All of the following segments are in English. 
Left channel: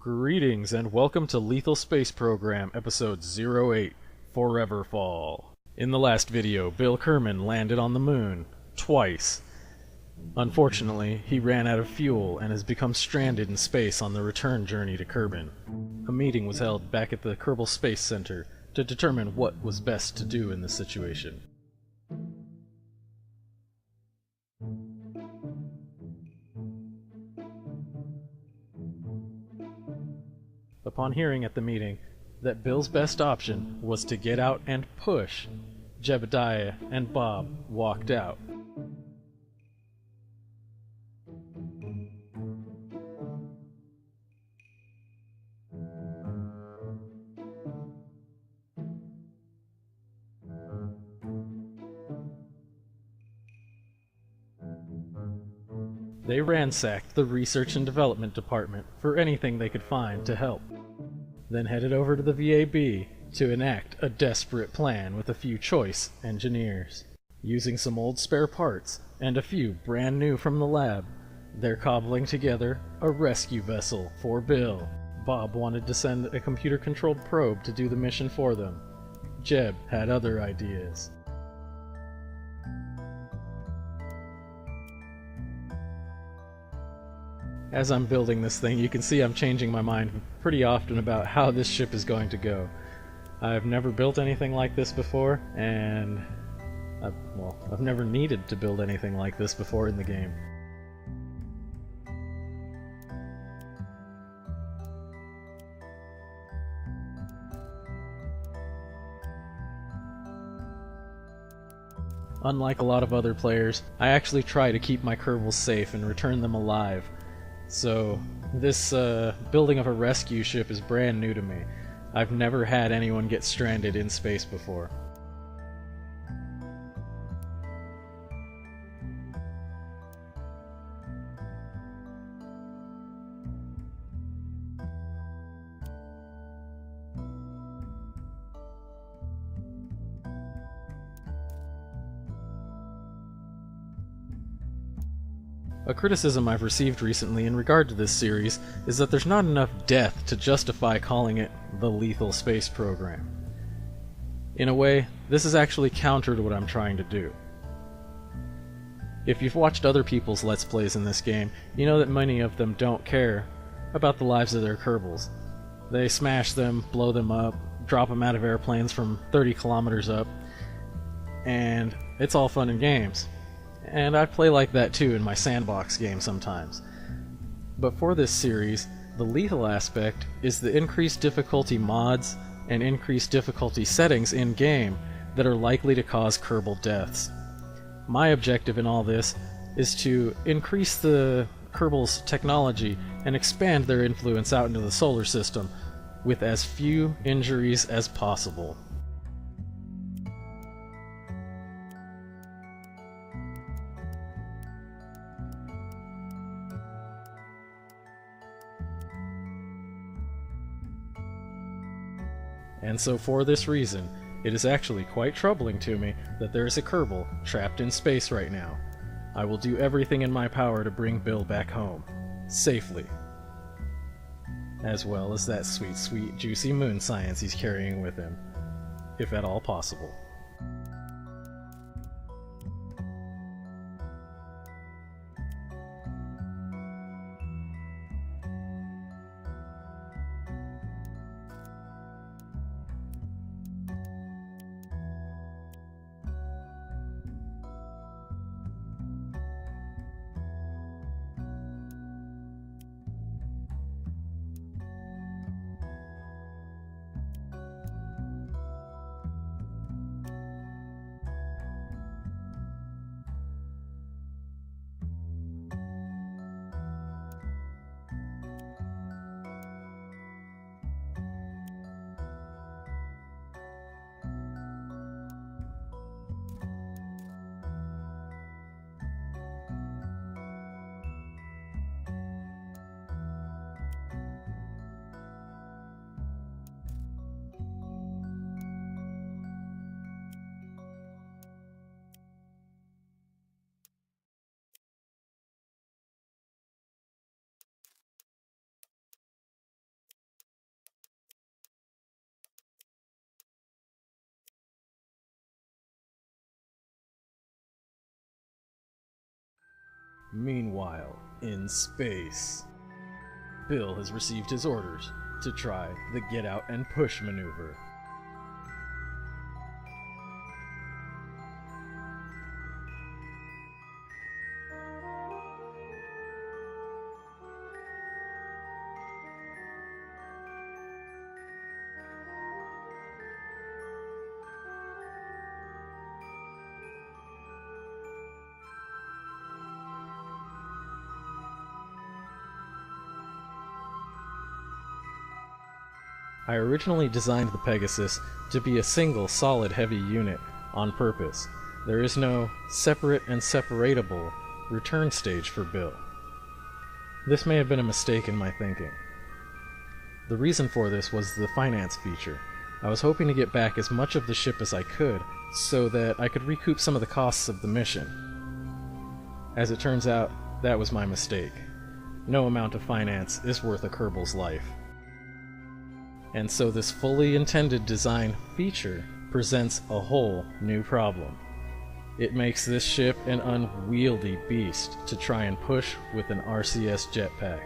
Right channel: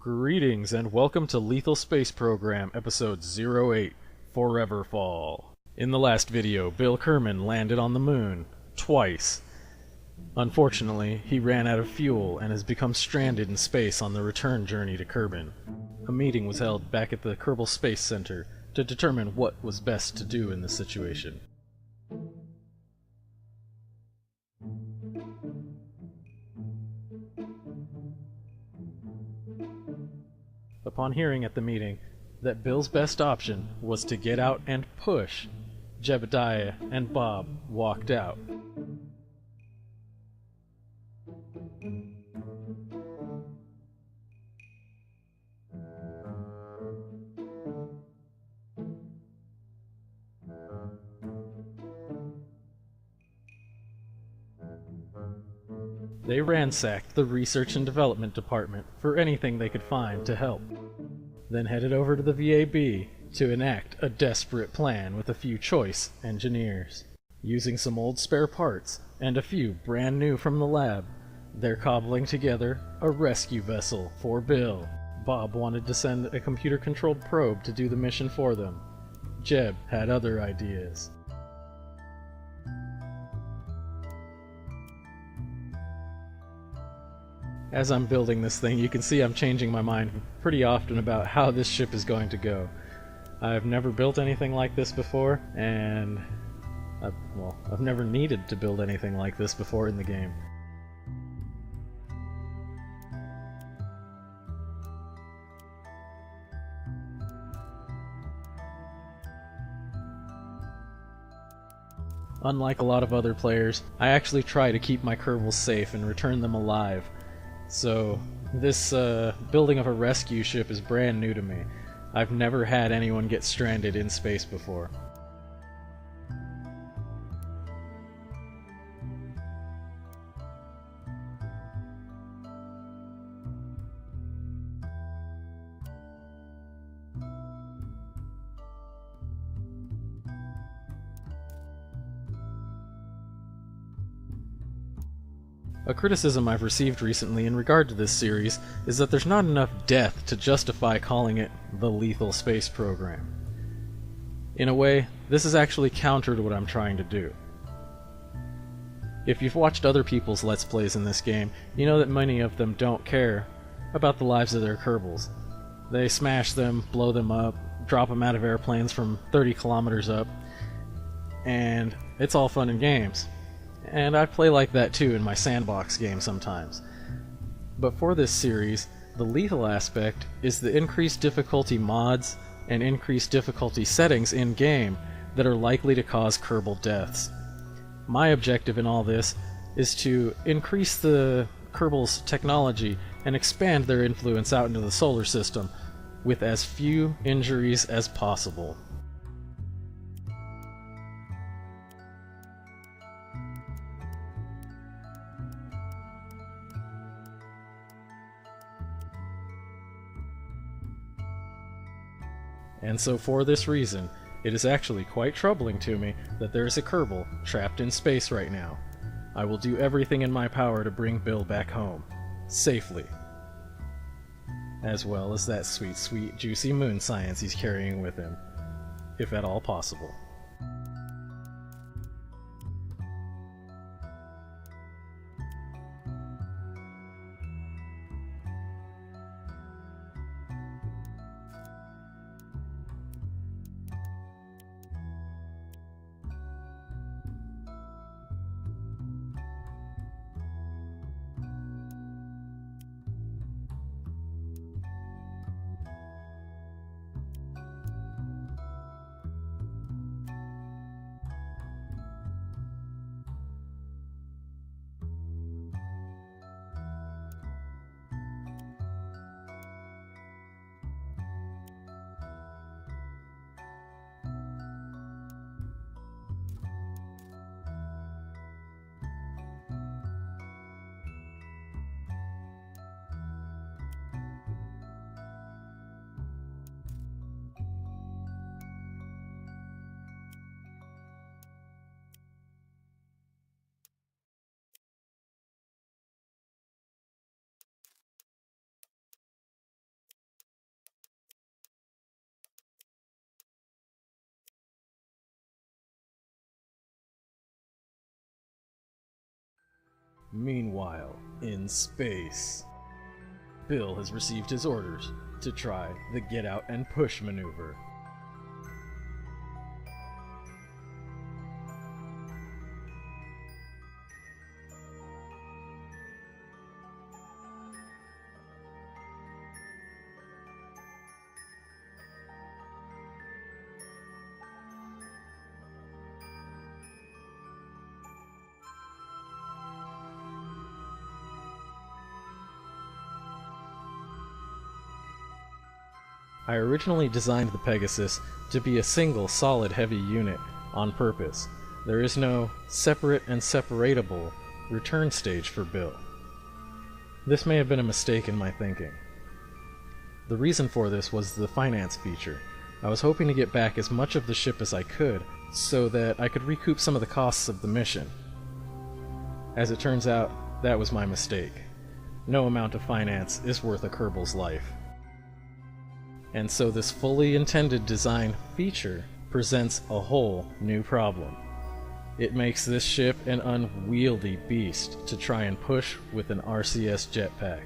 Greetings and welcome to Lethal Space Program, Episode 08, Forever Fall. In the last video, Bill Kerman landed on the moon, twice. Unfortunately, he ran out of fuel and has become stranded in space on the return journey to Kerbin. A meeting was held back at the Kerbal Space Center to determine what was best to do in this situation. Upon hearing at the meeting that Bill's best option was to get out and push, Jebediah and Bob walked out. They ransacked the Research and Development Department for anything they could find to help, then headed over to the VAB to enact a desperate plan with a few choice engineers. Using some old spare parts and a few brand new from the lab, they're cobbling together a rescue vessel for Bill. Bob wanted to send a computer-controlled probe to do the mission for them. Jeb had other ideas. As I'm building this thing, you can see I'm changing my mind pretty often about how this ship is going to go. I've never built anything like this before, and I've never needed to build anything like this before in the game. Unlike a lot of other players, I actually try to keep my Kerbals safe and return them alive. So, this building of a rescue ship is brand new to me. I've never had anyone get stranded in space before. A criticism I've received recently in regard to this series is that there's not enough death to justify calling it the Lethal Space Program. In a way, this is actually counter to what I'm trying to do. If you've watched other people's Let's Plays in this game, you know that many of them don't care about the lives of their Kerbals. They smash them, blow them up, drop them out of airplanes from 30 kilometers up, and it's all fun and games. And I play like that too in my sandbox game sometimes. But for this series, the lethal aspect is the increased difficulty mods and increased difficulty settings in-game that are likely to cause Kerbal deaths. My objective in all this is to increase the Kerbal's technology and expand their influence out into the solar system with as few injuries as possible. And so for this reason, it is actually quite troubling to me that there is a Kerbal trapped in space right now. I will do everything in my power to bring Bill back home, safely. As well as that sweet, sweet, juicy moon science he's carrying with him, if at all possible. Meanwhile, in space, Bill has received his orders to try the get out and push maneuver. I originally designed the Pegasus to be a single solid heavy unit on purpose. There is no separate and separatable return stage for Bill. This may have been a mistake in my thinking. The reason for this was the finance feature. I was hoping to get back as much of the ship as I could so that I could recoup some of the costs of the mission. As it turns out, that was my mistake. No amount of finance is worth a Kerbal's life. And so this fully intended design feature presents a whole new problem. It makes this ship an unwieldy beast to try and push with an RCS jetpack.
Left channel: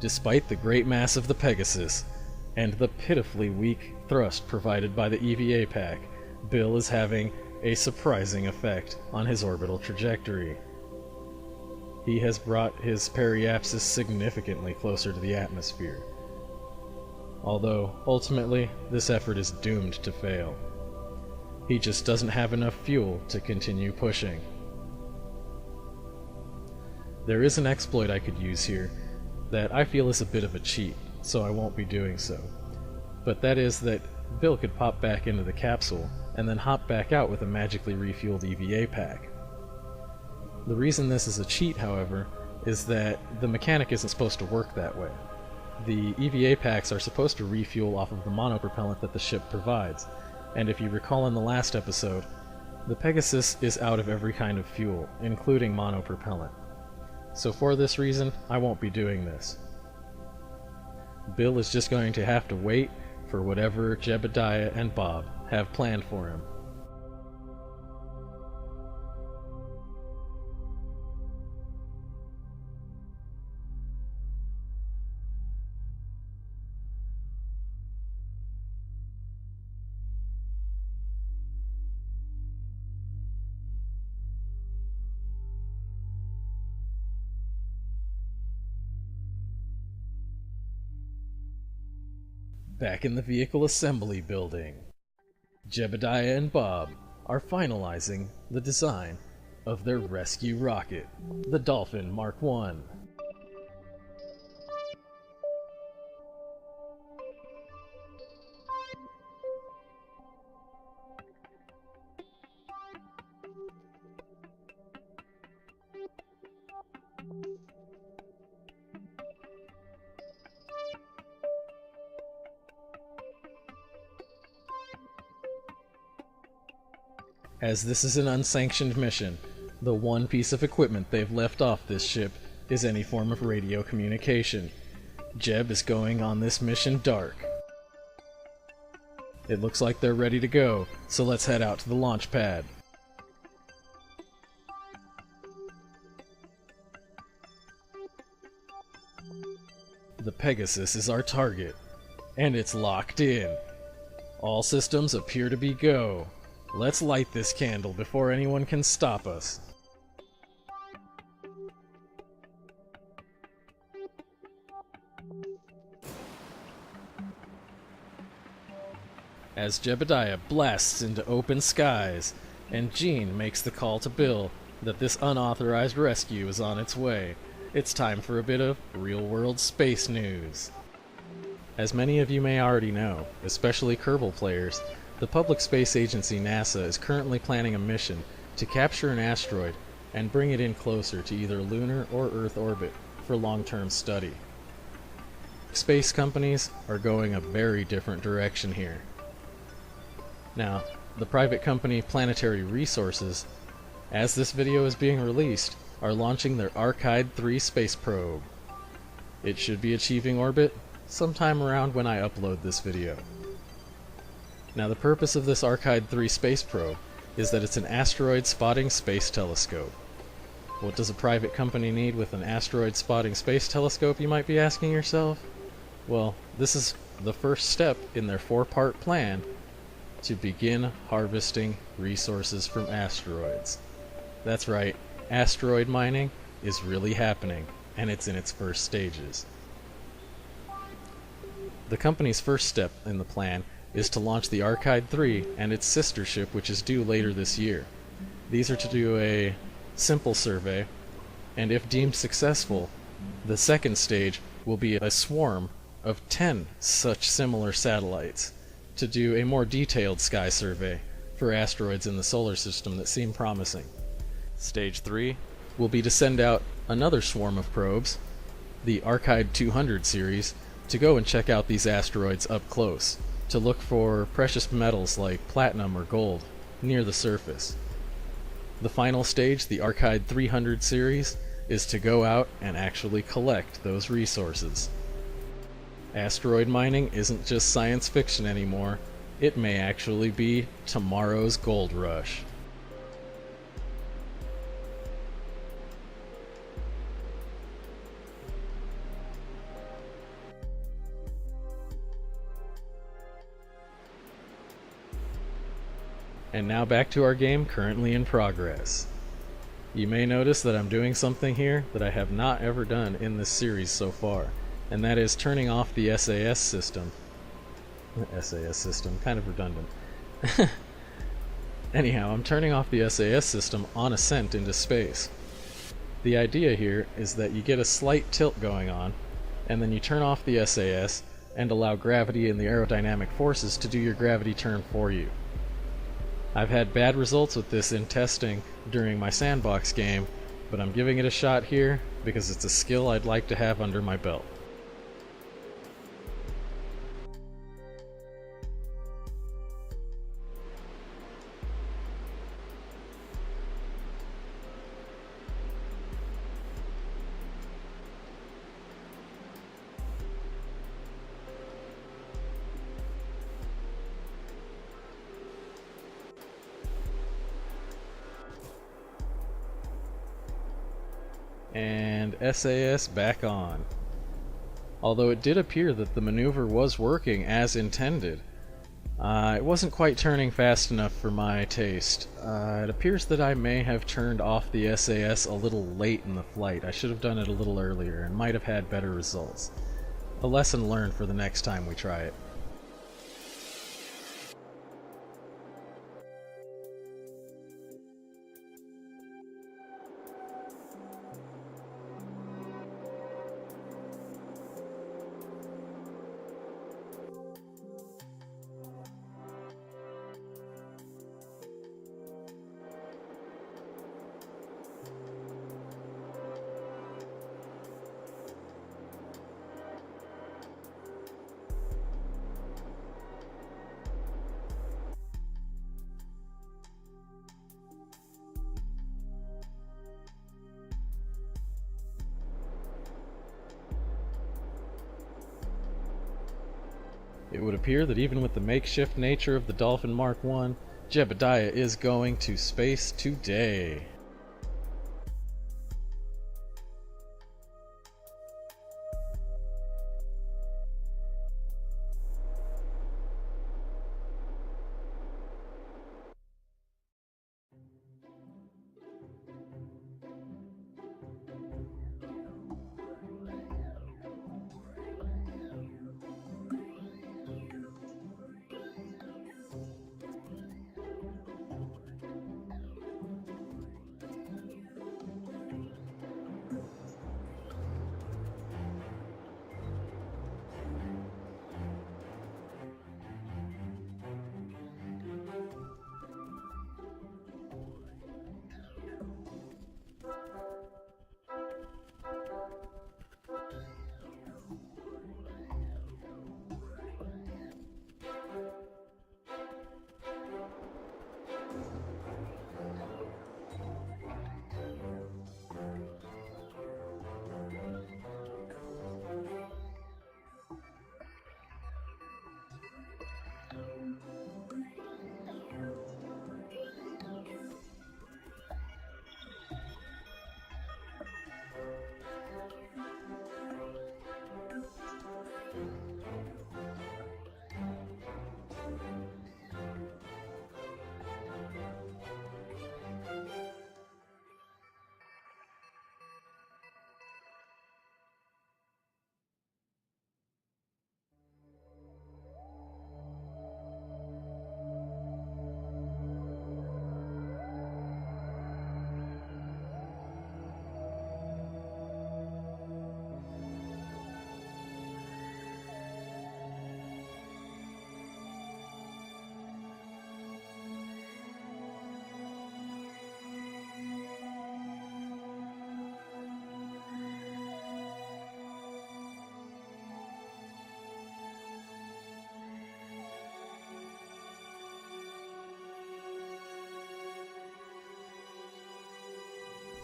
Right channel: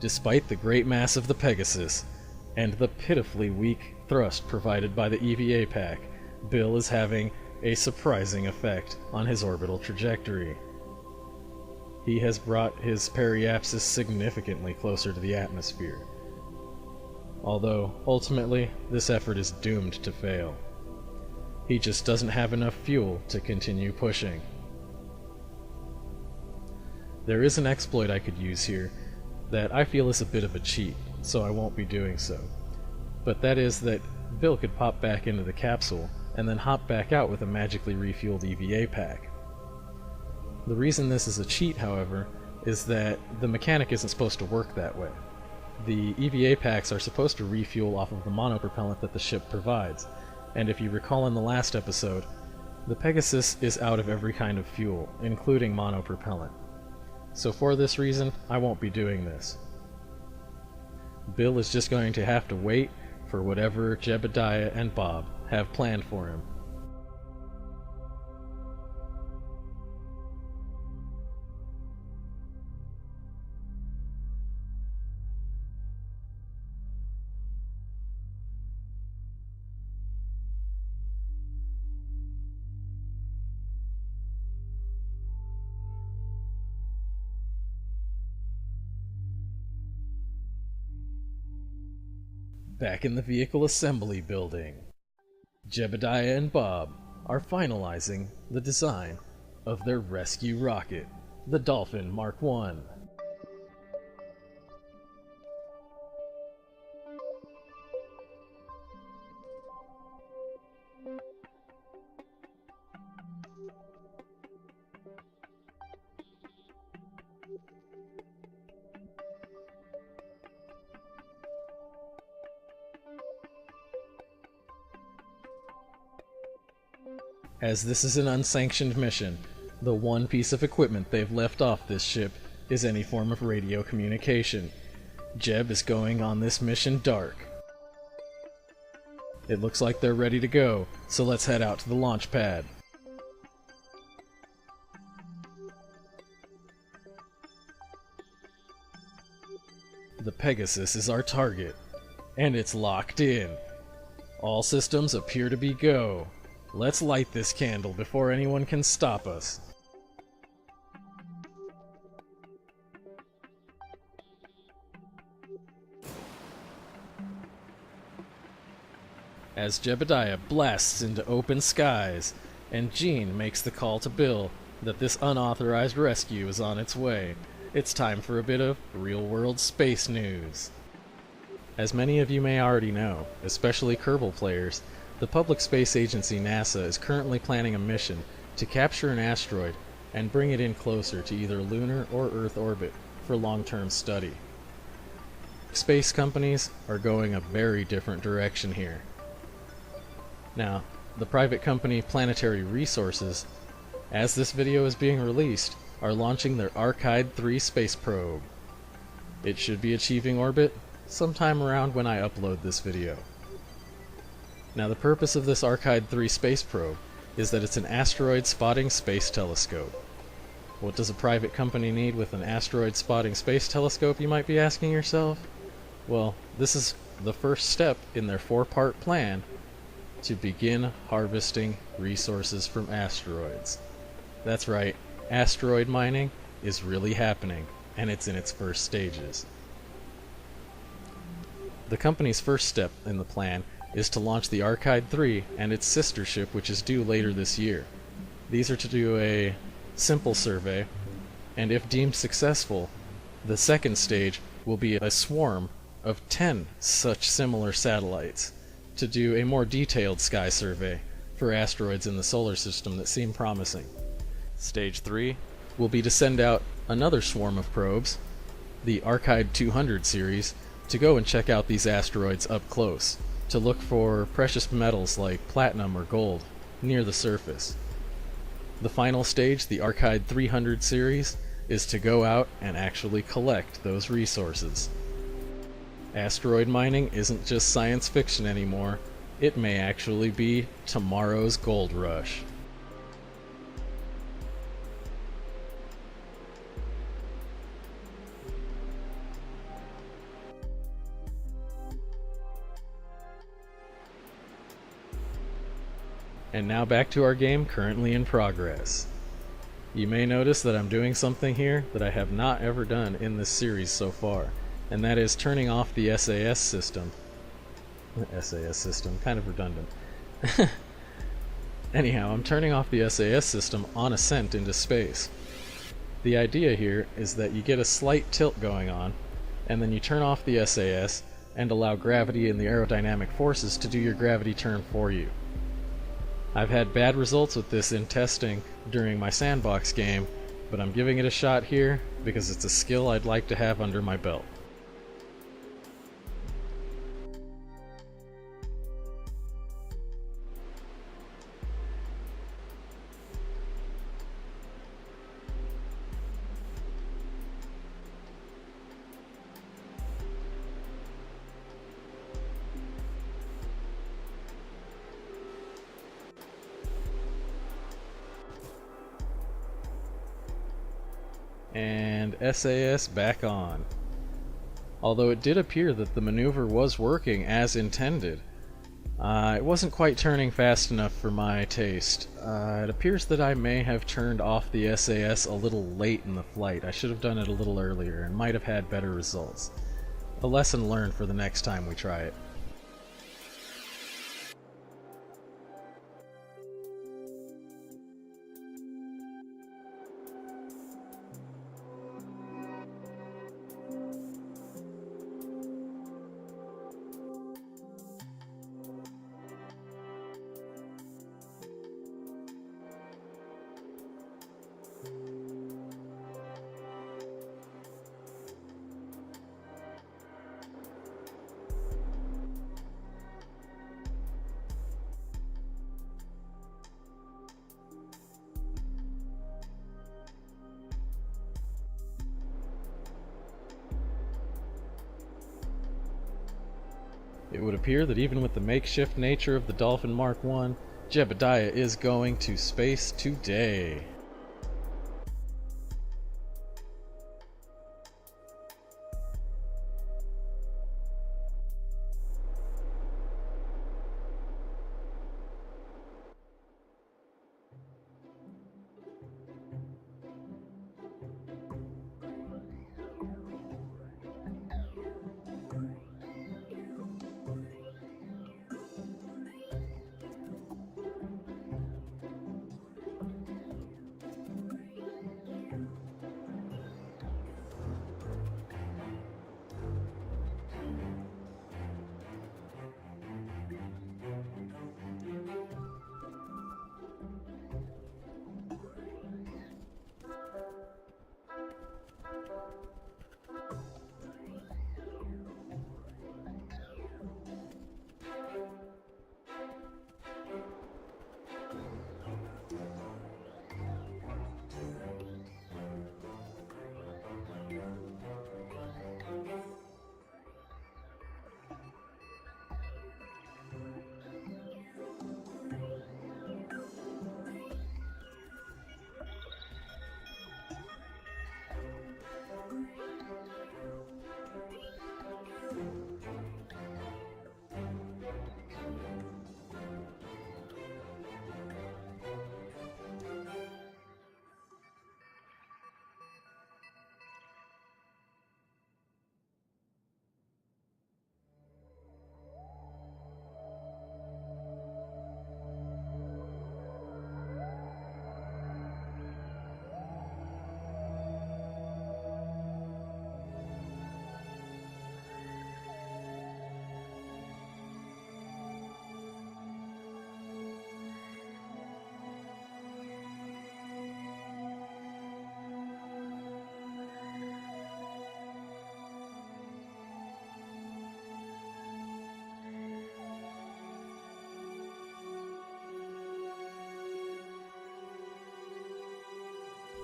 Despite the great mass of the Pegasus, and the pitifully weak thrust provided by the EVA pack, Bill is having a surprising effect on his orbital trajectory. He has brought his periapsis significantly closer to the atmosphere, although ultimately this effort is doomed to fail. He just doesn't have enough fuel to continue pushing. There is an exploit I could use here that I feel is a bit of a cheat, so I won't be doing so. But that is that Bill could pop back into the capsule and then hop back out with a magically refueled EVA pack. The reason this is a cheat, however, is that the mechanic isn't supposed to work that way. The EVA packs are supposed to refuel off of the monopropellant that the ship provides, and if you recall in the last episode, the Pegasus is out of every kind of fuel, including monopropellant. So for this reason, I won't be doing this. Bill is just going to have to wait for whatever Jebediah and Bob have planned for him. Back in the vehicle assembly building, Jebediah and Bob are finalizing the design of their rescue rocket, the Dolphin Mark I. As this is an unsanctioned mission, The one piece of equipment they've left off this ship is any form of radio communication. Jeb is going on this mission dark. It looks like they're ready to go, so let's head out to the launch pad. The Pegasus is our target, and it's locked in. All systems appear to be go. Let's light this candle before anyone can stop us. As Jebediah blasts into open skies, and Jean makes the call to Bill that this unauthorized rescue is on its way, it's time for a bit of real-world space news. As many of you may already know, especially Kerbal players, the public space agency NASA is currently planning a mission to capture an asteroid and bring it in closer to either lunar or Earth orbit for long-term study. Space companies are going a very different direction here. Now, the private company Planetary Resources, as this video is being released, are launching their Archive 3 space probe. It should be achieving orbit sometime around when I upload this video. Now, the purpose of this Archive 3 space probe is that it's an asteroid spotting space telescope. What does a private company need with an asteroid spotting space telescope, you might be asking yourself? Well, this is the first step in their 4-part plan to begin harvesting resources from asteroids. That's right, asteroid mining is really happening, and it's in its first stages. The company's first step in the plan is to launch the Archive 3 and its sister ship, which is due later this year. These are to do a simple survey, and if deemed successful, the second stage will be a swarm of 10 such similar satellites to do a more detailed sky survey for asteroids in the solar system that seem promising. Stage 3 will be to send out another swarm of probes, the Archive 200 series, to go and check out these asteroids up close, to look for precious metals like platinum or gold near the surface. The final stage, the Archive 300 series, is to go out and actually collect those resources. Asteroid mining isn't just science fiction anymore, it may actually be tomorrow's gold rush. And now back to our game currently in progress. You may notice that I'm doing something here that I have not ever done in this series so far, and that is turning off the SAS system. SAS system, kind of redundant. Anyhow, I'm turning off the SAS system on ascent into space. The idea here is that you get a slight tilt going on, and then you turn off the SAS and allow gravity and the aerodynamic forces to do your gravity turn for you. I've had bad results with this in testing during my sandbox game, but I'm giving it a shot here because it's a skill I'd like to have under my belt. And SAS back on. Although it did appear that the maneuver was working as intended, it wasn't quite turning fast enough for my taste. It appears that I may have turned off the SAS a little late in the flight. I should have done it a little earlier and might have had better results. A lesson learned for the next time we try it. It would appear that even with the makeshift nature of the Dolphin Mark 1, Jebediah is going to space today.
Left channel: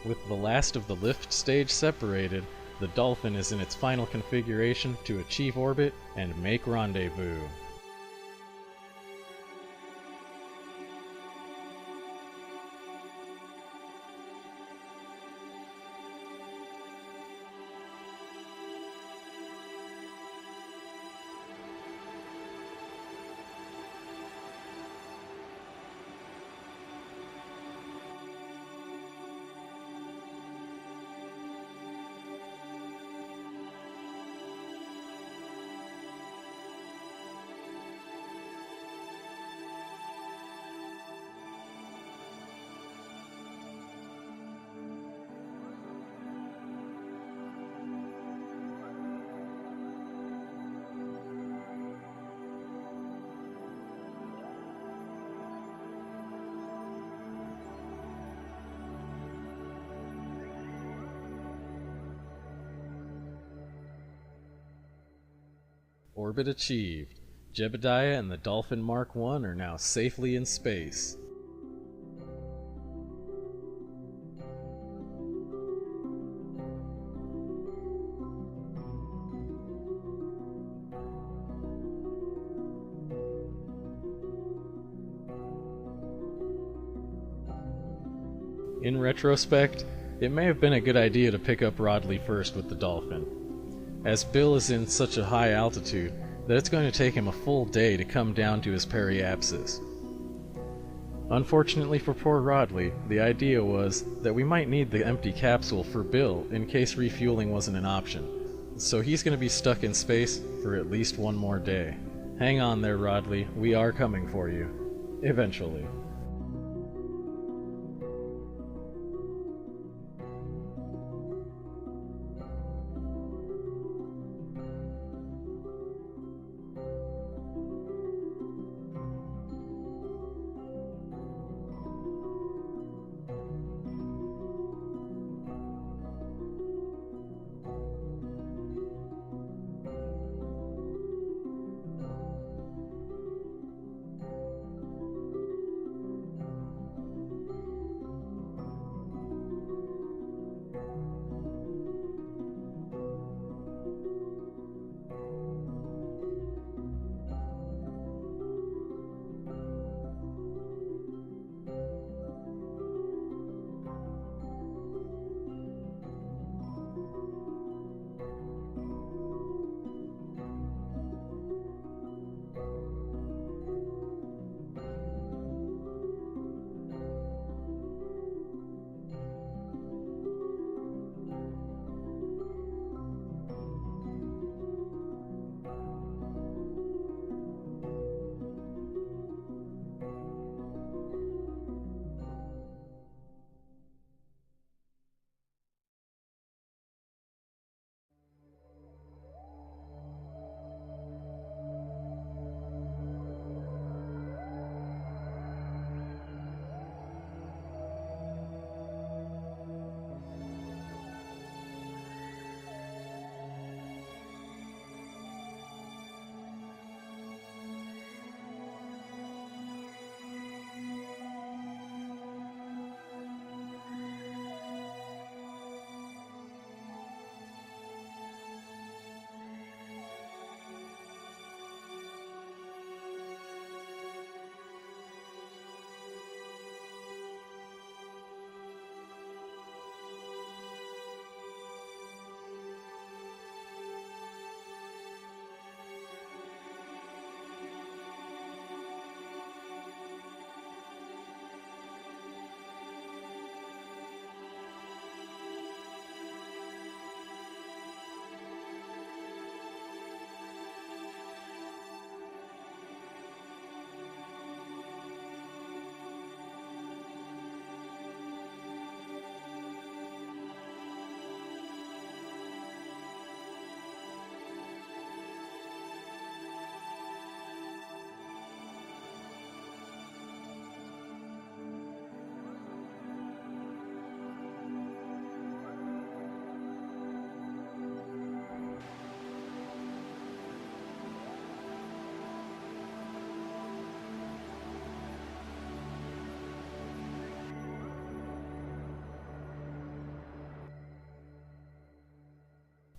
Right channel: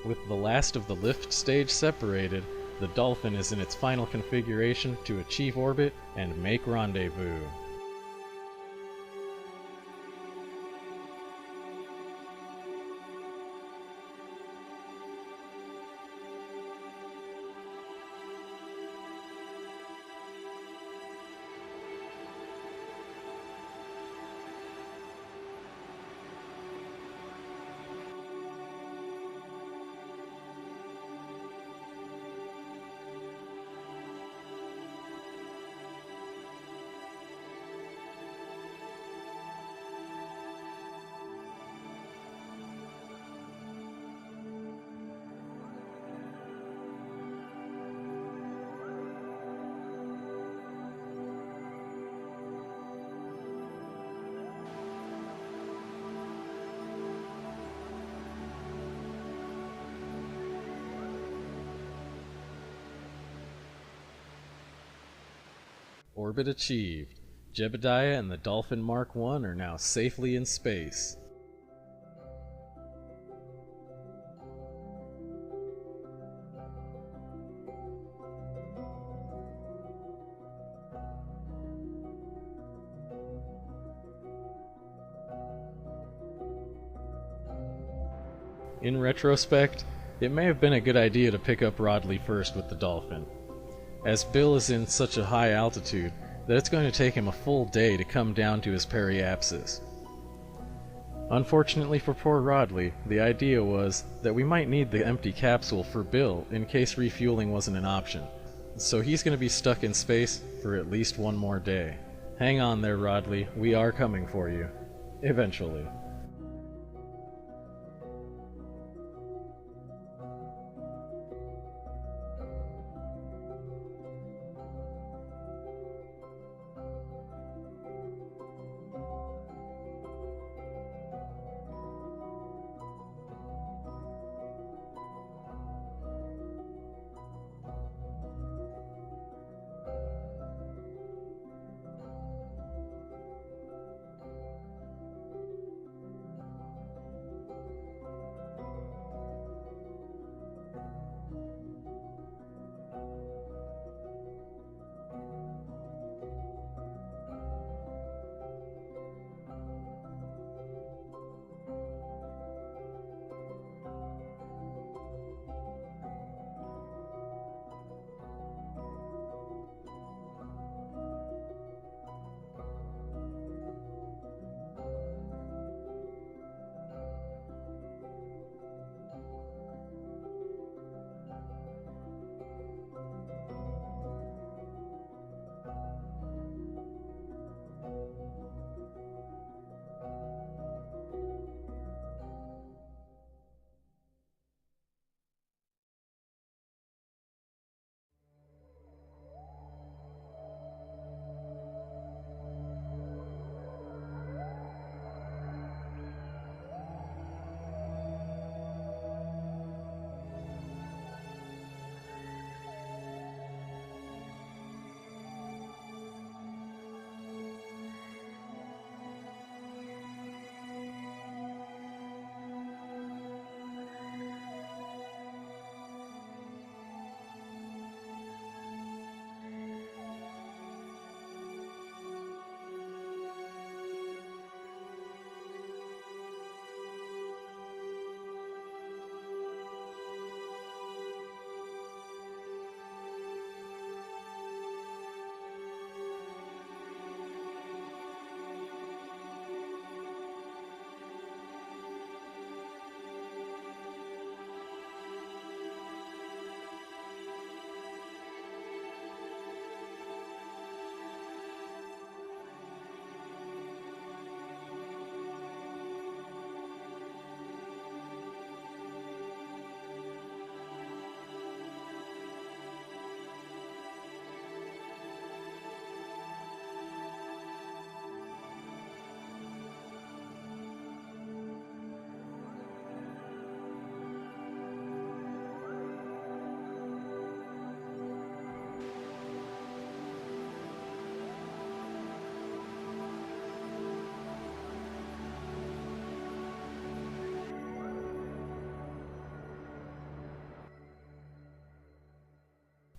With the last of the lift stage separated, the Dolphin is in its final configuration to achieve orbit and make rendezvous. Orbit achieved. Jebediah and the Dolphin Mark 1 are now safely in space. In retrospect, it may have been a good idea to pick up Rodley first with the Dolphin, as Bill is in such a high altitude that it's going to take him a full day to come down to his periapsis. Unfortunately for poor Rodley, the idea was that we might need the empty capsule for Bill in case refueling wasn't an option, so he's going to be stuck in space for at least one more day. Hang on there, Rodley, we are coming for you. Eventually.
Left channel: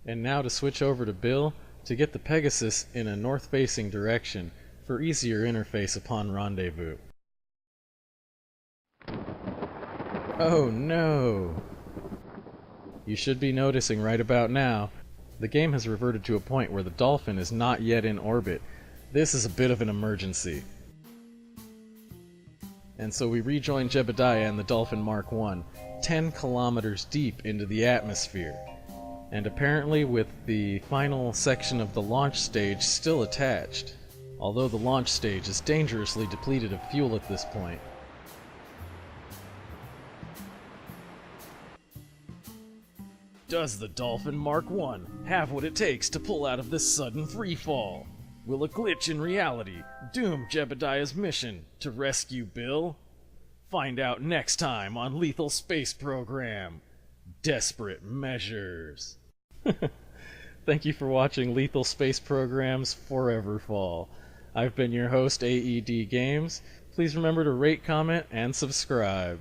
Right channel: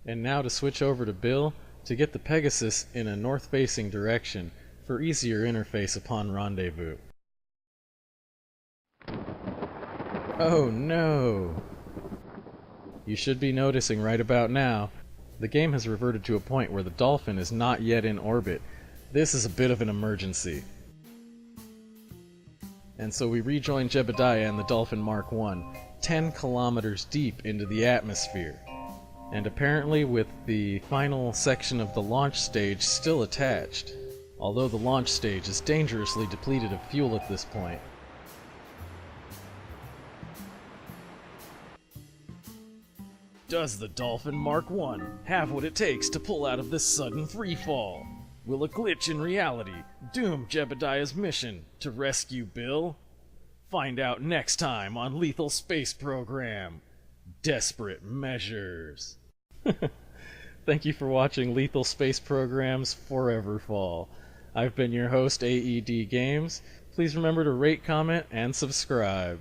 And now to switch over to Bill to get the Pegasus in a north-facing direction for easier interface upon rendezvous. Oh no! You should be noticing right about now, the game has reverted to a point where the Dolphin is not yet in orbit. This is a bit of an emergency. And so we rejoin Jebediah and the Dolphin Mark I, 10 kilometers deep into the atmosphere. And apparently with the final section of the launch stage still attached, although the launch stage is dangerously depleted of fuel at this point. Does the Dolphin Mark I have what it takes to pull out of this sudden freefall? Will a glitch in reality doom Jebediah's mission to rescue Bill? Find out next time on Lethal Space Program: Desperate Measures. Thank you for watching Lethal Space Program's Forever Fall. I've been your host, AED Games. Please remember to rate, comment, and subscribe.